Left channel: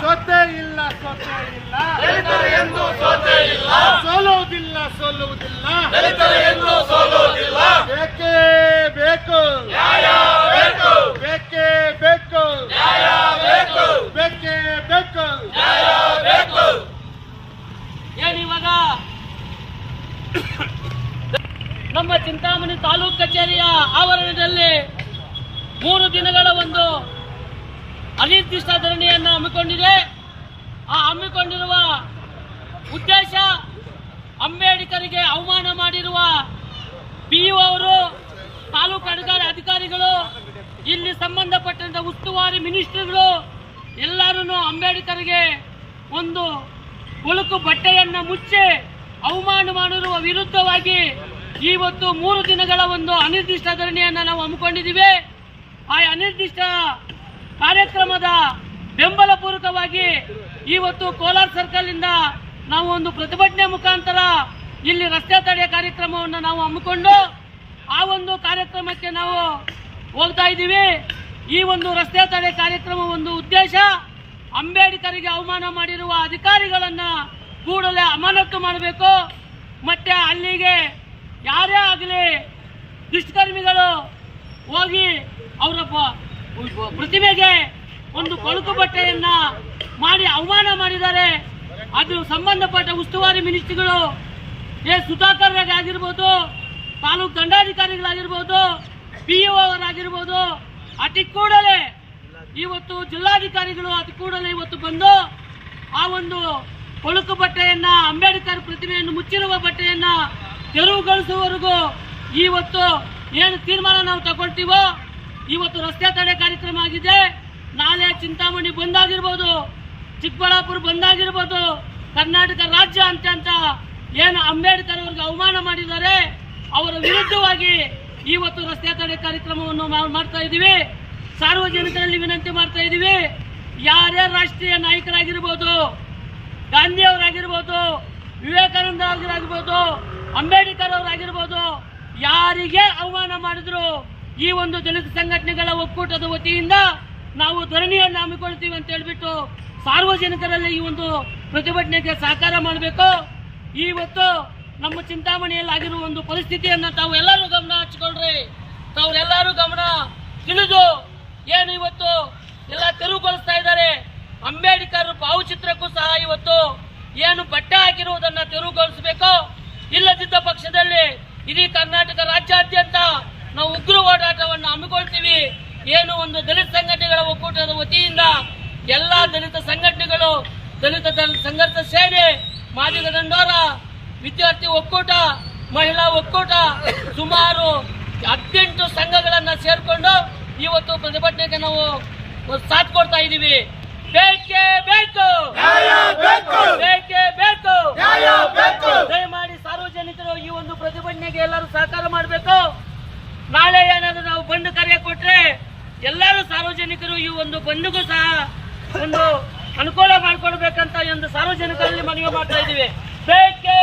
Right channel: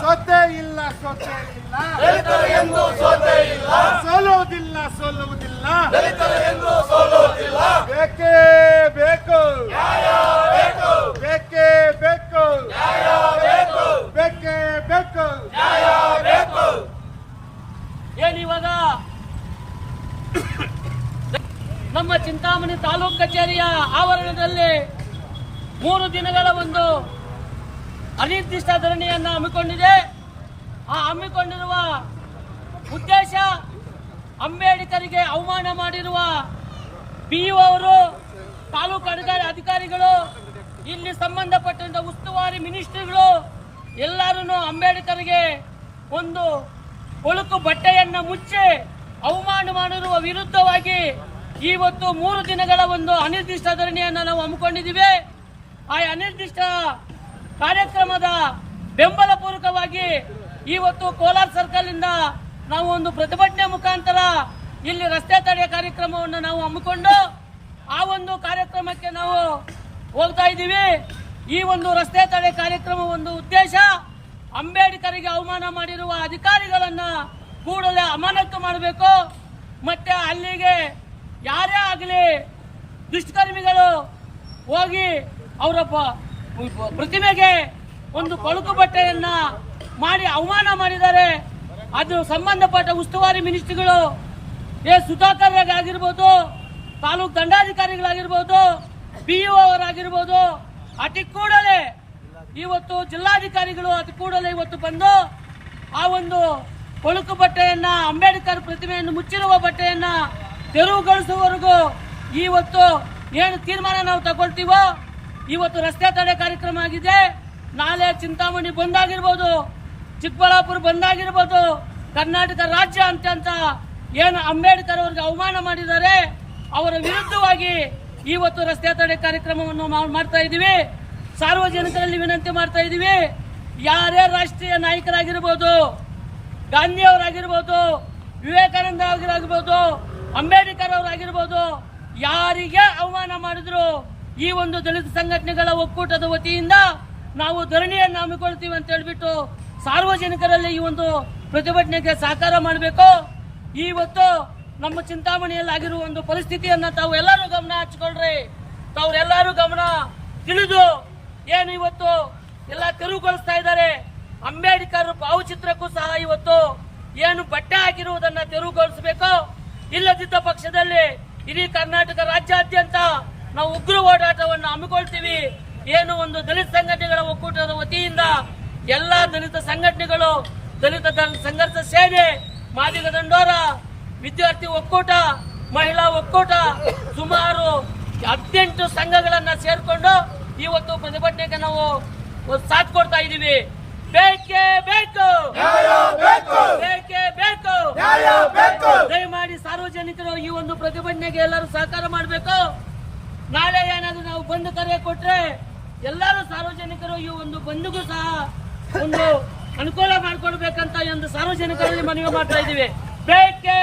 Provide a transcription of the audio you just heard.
ಸೋತೆ ಇಲ್ಲ ಸೋತೆ ಇಲ್ಲ. ಸೋಲುವುದಿಲ್ಲ. ಸೋಲುವುದಿಲ್ಲ ಬೇಕೇ ಬೇಕು. ಬೇಕೇ. ಬೇಕು ಬೇಕೇ. ಬೇಕು. ಏನಿವಾಗ ನಮ್ಮ ಚಿಂತಾಮಣಿ ತಾಲೂಕು ಕಚೇರಿಯ ಆವರಣದಲ್ಲಿ ಮೂರು ದಿನಗಳ ಒಂದು ಅನಿರ್ದಿಷ್ಟ ಧರಣಿಯನ್ನು ಹಮ್ಮಿಕೊಂಡಿದೆ. ಆ ಹಮ್ಮಿಕೊಂಡಿರುವ ಉದ್ದೇಶ ಅಂಬೇಡ್ಕರಿಗೆ ಅವಮಾನ ಮಾಡಿರುವ ಪಿ ಅವರು, ತಾಲೂಕು ಅಧಿಕಾರಿ ಅಧಿಕಾರಿಗಳು, ಇಲ್ಲಿ ಸಂಬಂಧಪಟ್ಟಂತ ಉಸ್ತುವಾರಿ ಮಿನಿಸ್ಟ್ರಿಗಳು ಎಲ್ಲರೂ ಅಂಬೇಡ್ಕರ್ಗೆ ಒಂದು ಕೊಳುಕು ಬಟ್ಟೆಯನ್ನ ಮುಚ್ಚಿ ಅವಮಾನ ಮಾಡಿರುವ ವಿರುದ್ಧವಾಗಿ ಇವತ್ತು ಮೂರು ದಿನಗಳ ಒಂದು ಅನಿರ್ದಿಷ್ಟ ಧರಣಿಯನ್ನು ನಾವು ಹಮ್ಮಿಕೊಂಡಿದ್ದೀವಿ. ಆ ಅನಿರ್ದಿಷ್ಟ ಕಾರ್ಯಕ್ರಮದ ಬೆಂಬಲ ಪೂರ್ವಕವಾಗಿ ಇವತ್ತು ಕೋಲಾರ ಸರ್ಕಲ್ ಇಂದ ನಾವು ಒಂದು ಪ್ರತಿಭಟನೆ ಮುಖಾಂತರ ಇಲ್ಲಿ ರಸ್ತೆ ತಡೆ ಕಾರ್ಯಕ್ರಮವನ್ನು ನಾವು ಹಮ್ಮಿಕೊಂಡು ಆ ಒಂದು ಕಾರ್ಯಕ್ರಮಕ್ಕೆ ನಾವು ಹೋಗ್ತಾ ಇದ್ದೀವಿ. ಈ ಒಂದು ರಸ್ತೆ ತಡೆ ಕಾರ್ಯಕ್ರಮ ಒಂದು ಉದ್ದೇಶ ಅಂಬೇಡ್ಕರ್ಗೆ ಅವಮಾನ ಮಾಡಿರುವ ಅಧಿಕಾರಿಗಳನ್ನ ಕೂಡಲೇ ಅಮಾನತು ಮಾಡಬೇಕು. ಮತ್ತೆ ಅಲ್ಲಿಗೆ ಯಾರೇ ಆಗಲಿ ದುಷ್ಕರ್ಮಿಗಳು ಹೋಗಿ ಅವರ ಪ್ರತಿಮೆಗೆ ಒಂದು ಕೊಳುಕು ಬಟ್ಟೆಯನ್ನ ಮಾಡಿ ಅವಮಾನ ಮಾಡಿದ್ದಾರೆ. ಅದು ಸಂಬಂಧಪಟ್ಟ ಉಸ್ತುವಾರಿ ಮಿನಿಸ್ಟ್ರಿಗಳು ಎ. ಸುಧಾಕರ್ ಆಗಿರ್ಬೋದು ತಾಲೂಕು ದಂಡಾಧಿಕಾರಿಗಳಾಗಿರ್ಬೋದು, ಪಿ ಅವರಾಗಿರ್ಬೋದು, ಅತಿ ಕೂಡಲೇ ಇವತ್ತು ಜಿಲ್ಲಾಧಿಕಾರಿಗಳು ಅತಿ ಕೂಡಲೇ ಇವತ್ತು ಬಂದು ಆ ಒಂದು ಕೊಳುಕು ಬಟ್ಟೆಯನ್ನ, ಅಂಬೇಡ್ಕರ್ ಪ್ರತಿಮೆಯನ್ನು ಮುಚ್ಚಿರುವ ಬಟ್ಟೆಯನ್ನ ತೆರವುಗೊಳಿಸುವವರೆಗೂ ಇವತ್ತು ಏನು ತೀರ್ಮಾನ ನಾವು ತಗೊಳ್ತೀವೋ ಇವತ್ತು ರಸ್ತೆ ತಡೆ ಕಾರ್ಯಕ್ರಮ ಆಗಿದೆ. ನಾಳೆ ಚಿಂತಾಮಣಿ ಬಂದಾಗಿರ್ಬೋದು, ಚಿಕ್ಕಬಳ್ಳಾಪುರ ಬಂದಾಗಿರ್ಬೋದು, ಕರ್ನಾಟಕ ರಾಜ್ಯ ಅಂತ ಅಂತ ಏನು ಅಂಬೇಡ್ಕರ್ ಅವ್ರಿಗೆ ಅವಮಾನ ಮಾಡಿದ್ದಾರೆ. ಅವರ ವಿರುದ್ಧವಾಗಿ ಇವತ್ತು ರಸ್ತೆ ತಡೆ ಕಾರ್ಯಕ್ರಮವನ್ನು ಮಾಡ್ತಾ ಇದ್ದೀವಿ. ಸಾರ್ವಜನಿಕರಲ್ಲಿ ವಿನಂತಿ ಮಾಡ್ತಾ ಇದ್ದೀವಿ. ಯಾರೇ ರಾಷ್ಟ್ರೀಯ ನಾಯಕರಾಗಿರ್ಬೋದು ಗಾಂಧಿ ಅವರಾಗಿರ್ಬೋದು ವಿವೇಕಾನಂದ ಅವರಾಗಿರ್ಬೋದು, ಅಂಬೇಡ್ಕರ್ ಅವರಾಗಿರ್ಬೋದು, ಯಾರಿಗೆ ಅವಮಾನ ಮಾಡಿದ್ರು ಈ ಒಂದು ದಲಿತ ಸಂಘಟನೆಗಳ ಒಕ್ಕೂಟದ ವತಿಯಿಂದ ನಾವು ಧರಣಿಯನ್ನು ಹಮ್ಮಿಕೊಳ್ತೀವಿ ಅಂತ ಹೇಳ್ಬಿಟ್ಟು ಸಾರ್ವಜನಿಕರಲ್ಲಿ ಈ ಒಂದು ಪ್ರತಿಭಟನೆಗೆ ಸಹಕಾರ ಮಾಡಬೇಕು. ಇವತ್ತು ನಮ್ಮ ಚಿಂತಾಮಣಿಯಲ್ಲಿ ಆಗಿರುವ ಒಂದು ಪರಿಸ್ಥಿತಿಯನ್ನ ತಾವು ಎಲ್ಲರೂ ಗಮನ ಹಚ್ಕೊಳ್ರಿ. ತಾವ್ರೆಲ್ಲರೂ ಗಮನ ತಿಳಿದು ಏನು ಇವತ್ತು ಎಲ್ಲ ತೆರವುಗೊಳಿಸ್ತಾ ಇದ್ದಾರೆ. ಅಂಬೇಡ್ಕರ್ ಭಾವಚಿತ್ರಕ್ಕೂ ಸಹ ಇವತ್ತು ಏನು ಬಟ್ಟೆ ಹಾಕಿರುವುದನ್ನ ತೆರವುಗೊಳಿಸಬೇಕು ಇಲ್ಲದಿದ್ದ ಪಕ್ಷದಲ್ಲಿ ಇಡೀ ಕರ್ನಾಟಕ ರಾಜ್ಯಾದ್ಯಂತ ನಾವು ಉಗ್ರ ಹೋರಾಟವನ್ನು ಹಮ್ಮಿಕೊಳ್ತೀವಿ. ಏನು ಒಂದು ದಲಿತ ಸಂಘಟನೆಗಳ ಒಕ್ಕೂಟದ ವತಿಯಿಂದ ಎಲ್ಲ ದಲಿತ ಸಂಘಟನೆಗಳು ದಲಿತ ಸಂಘರ್ಷ ಸೇನೆ ಮಾದಿಗ ದಂಡೋರ ವಿದ್ಯಾರ್ಥಿ ಒಕ್ಕೂಟ ಮಹಿಳಾ ಒಕ್ಕೂಟ ಸುಮಾರು ಹದಿನೆಂಟು ಸಂಘಗಳನ್ನ ಸೇರ್ಕೊಂಡು ಇವತ್ತು ಪ್ರತಿಭಟನೆಗೆ ನಾವು ಸಾಥ್ ಕೊಡ್ತಾ ಇದೀವಿ ಬೇಕೇ! ಬೇಕು ಬೇಕೇ! ಬೇಕು! ದಯಮಾಡಿ ಸಾರ್ವಜನಿಕರು ಈ ಒಂದು ಪ್ರತಿಭಟನೆಗೆ ಎಲ್ಲರೂ ಸಹಕಾರ ಮಾಡಬೇಕು. ಬಂದು ಕರೆ ಕೊಟ್ರೆ ಎಲ್ಲರೂ ಸಾರ್ವಜನಿಕರು ಈ ಒಂದು ಬಂದ್ಗೂ ಸಹ ಒಂದು ಅನುಕೂಲ ಮಾಡಿಕೊಡ್ಬೇಕಂತ ಒಂದು ಸಾರ್ವಜನಿಕರಲ್ಲಿ ಮನವಿ ಮಾಡ್ತಾ ಬೇಕೇ ಬೇಕೇ